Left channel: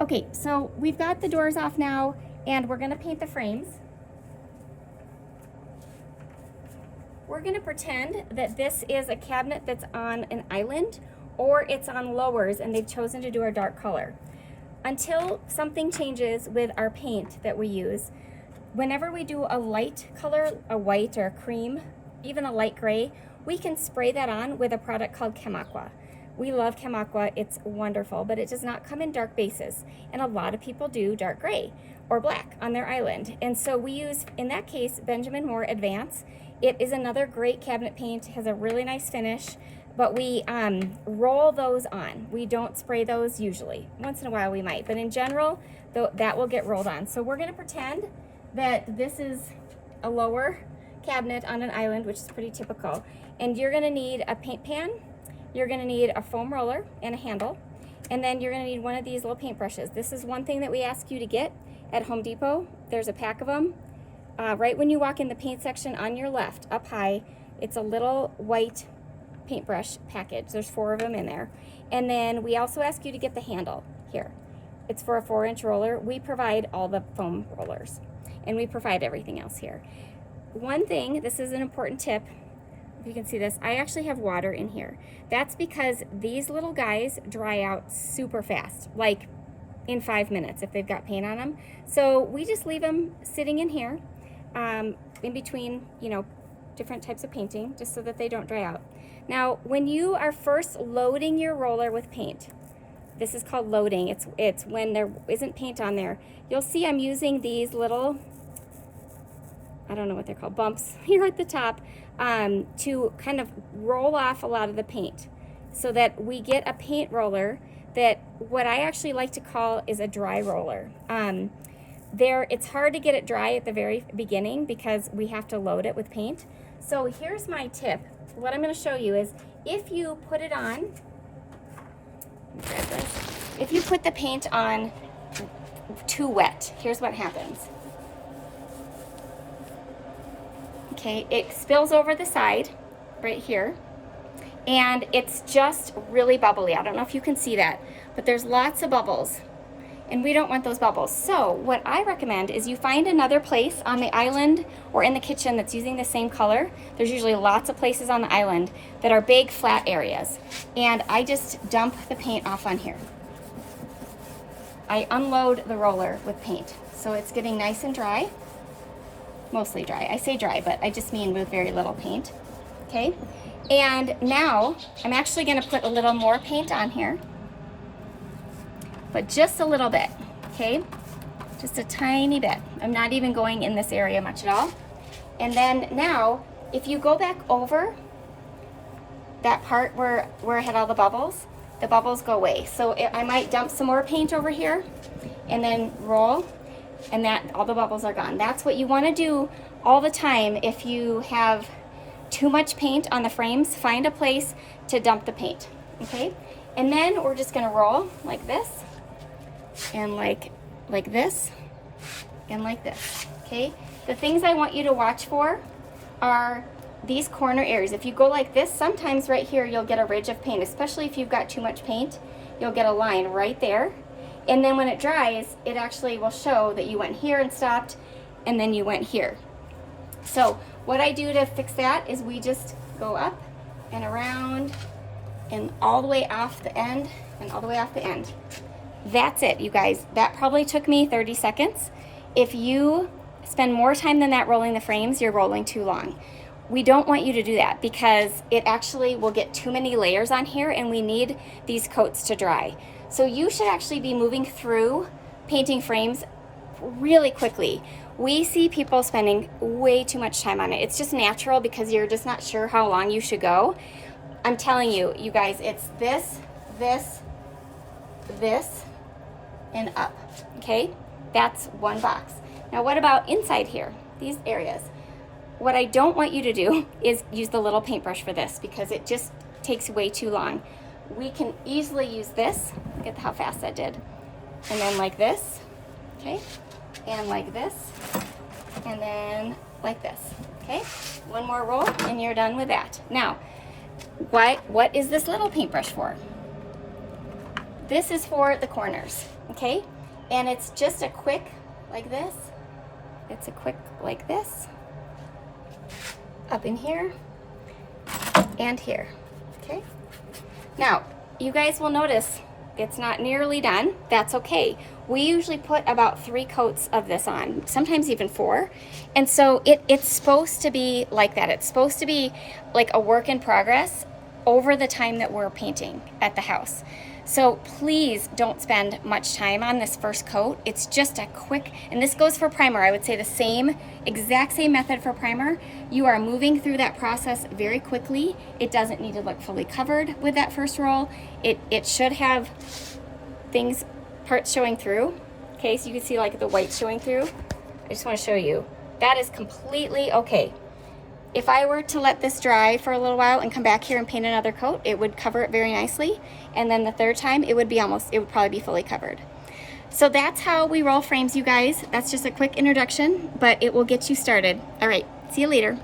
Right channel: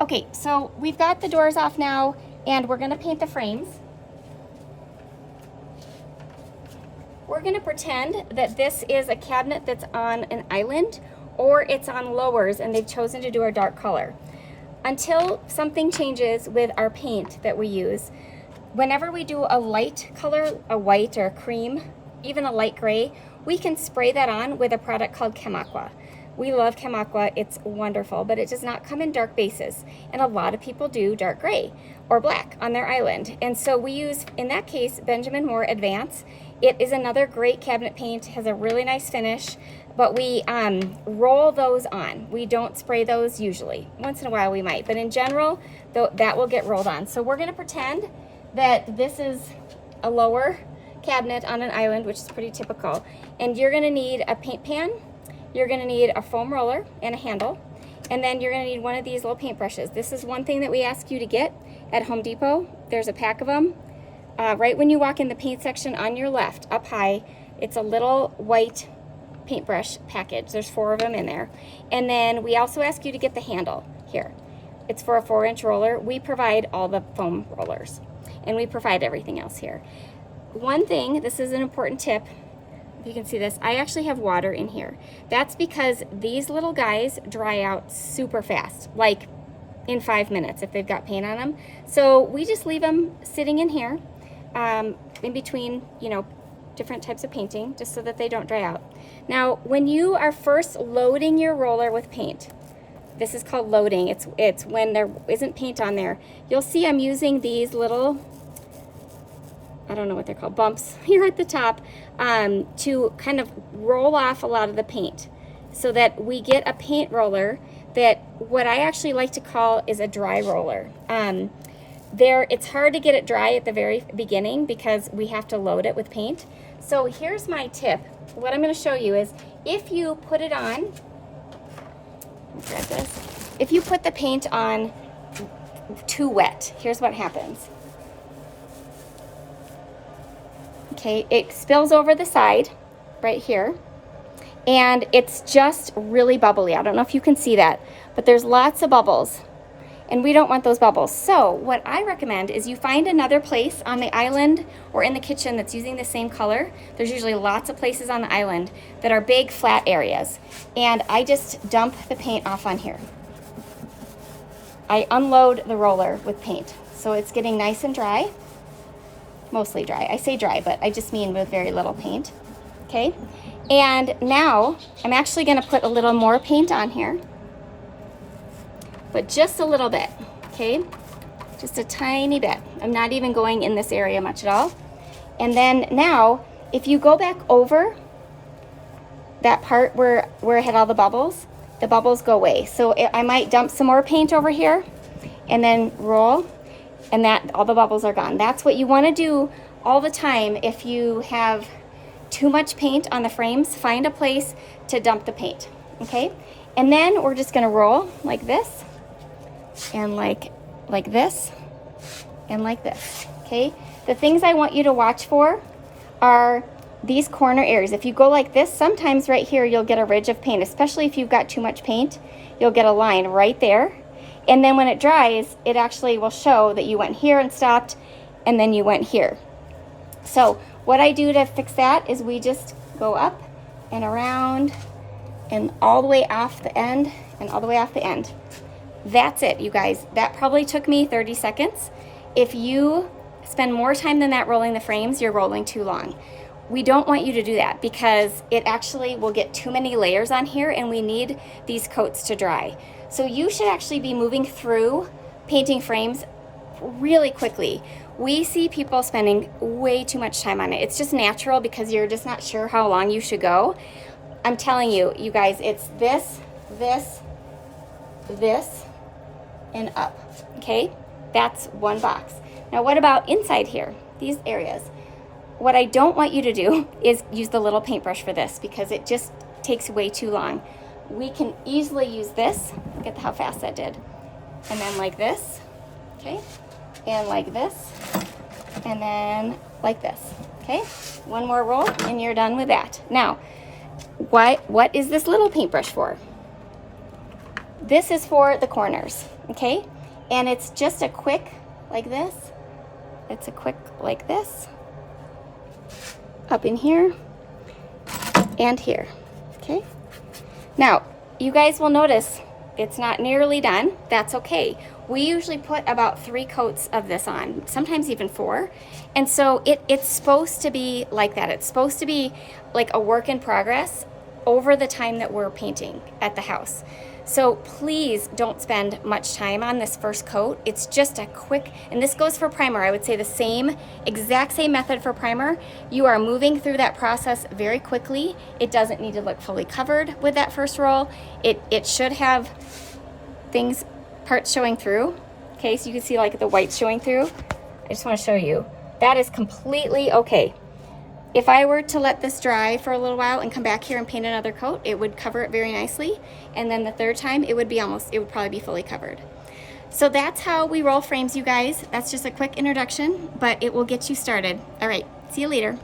Okay, so we've got the doors off now, and we're gonna paint the frames. We're gonna pretend that this is a cabinet that's on an island, or it's on lowers and they've chosen to do a dark color. Until something changes with our paint that we use, whenever we do a light color, a white or a cream, even a light gray, we can spray that on with a product called ChemAqua. We love ChemAqua, it's wonderful, but it does not come in dark bases. And a lot of people do dark gray or black on their island. And so we use, in that case, Benjamin Moore Advance. It is another great cabinet paint, has a really nice finish, but we roll those on. We don't spray those usually. Once in a while we might, but in general, that will get rolled on. So we're gonna pretend that this is a lower cabinet on an island, which is pretty typical. And you're gonna need a paint pan, you're gonna need a foam roller and a handle, and then you're gonna need one of these little paint brushes. This is one thing that we ask you to get at Home Depot. There's a pack of them. Right when you walk in the paint section on your left, up high, it's a little white paintbrush package. There's 4 of them in there. And then we also ask you to get the handle here. It's for a 4-inch roller. We provide all the foam rollers, and we provide everything else here. One thing, this is an important tip, if you can see this, I actually have water in here. That's because these little guys dry out super fast, like in 5 minutes if they've got paint on them. So we just leave them sitting in here in between, you know, different types of painting, just so that they don't dry out. Now, when you are first loading your roller with paint, this is called loading. It's when there isn't paint on there. You'll see I'm using these little, I don't know what they're called, bumps here at the top to kind of roll off a lot of the paint so that we get a paint roller that what I actually like to call is a dry roller. It's hard to get it dry at the very beginning because we have to load it with paint. So here's my tip. What I'm going to show you is if you put it on, like this, if you put the paint on too wet, here's what happens. Okay, it spills over the side right here, and it's just really bubbly. I don't know if you can see that, but there's lots of bubbles, and we don't want those bubbles. So what I recommend is you find another place on the island or in the kitchen that's using the same color. There's usually lots of places on the island that are big flat areas, and I just dump the paint off on here. I unload the roller with paint, so it's getting nice and dry. Mostly dry. I say dry, but I just mean with very little paint. Okay, and now I'm actually going to put a little more paint on here, but just a little bit. Okay, just a tiny bit. I'm not even going in this area much at all. And then now, if you go back over that part where I had all the bubbles go away. So I might dump some more paint over here and then roll, and that all the bubbles are gone. That's what you want to do all the time. If you have too much paint on the frames, find a place to dump the paint. Okay, and then we're just going to roll like this, and like this, and like this. Okay, the things I want you to watch for are these corner areas. If you go like this, sometimes right here you'll get a ridge of paint, especially if you've got too much paint. You'll get a line right there, and then when it dries, it actually will show that you went here and stopped, and then you went here. So what I do to fix that is we just go up and around and all the way off the end and all the way off the end. That's it, you guys. That probably took me 30 seconds. If you spend more time than that rolling the frames, you're rolling too long. We don't want you to do that because it actually will get too many layers on here, and we need these coats to dry. So you should actually be moving through painting frames really quickly. We see people spending way too much time on it. It's just natural because you're just not sure how long you should go. I'm telling you, you guys, it's this, this, this, and up, okay? That's one box. Now what about inside here, these areas? What I don't want you to do is use the little paintbrush for this because it just takes way too long. We can easily use this. Look at how fast that did. And then like this, okay? And like this, and then like this, okay? One more roll and you're done with that. Now, what is this little paintbrush for? This is for the corners, okay? And it's just a quick, like this. It's a quick like this. Up in here and here, okay? Now, you guys will notice it's not nearly done. That's okay. We usually put about 3 coats of this on, sometimes even 4. And so it's supposed to be like that. It's supposed to be like a work in progress over the time that we're painting at the house. So please don't spend much time on this first coat. It's just a quick, and this goes for primer. I would say the exact same method for primer. You are moving through that process very quickly. It doesn't need to look fully covered with that first roll. It should have parts showing through. Okay, so you can see like the white showing through. I just want to show you. That is completely okay. If I were to let this dry for a little while and come back here and paint another coat, it would cover it very nicely. And then the third time, it would probably be fully covered. So that's how we roll frames, you guys. That's just a quick introduction, but it will get you started. All right, see you later.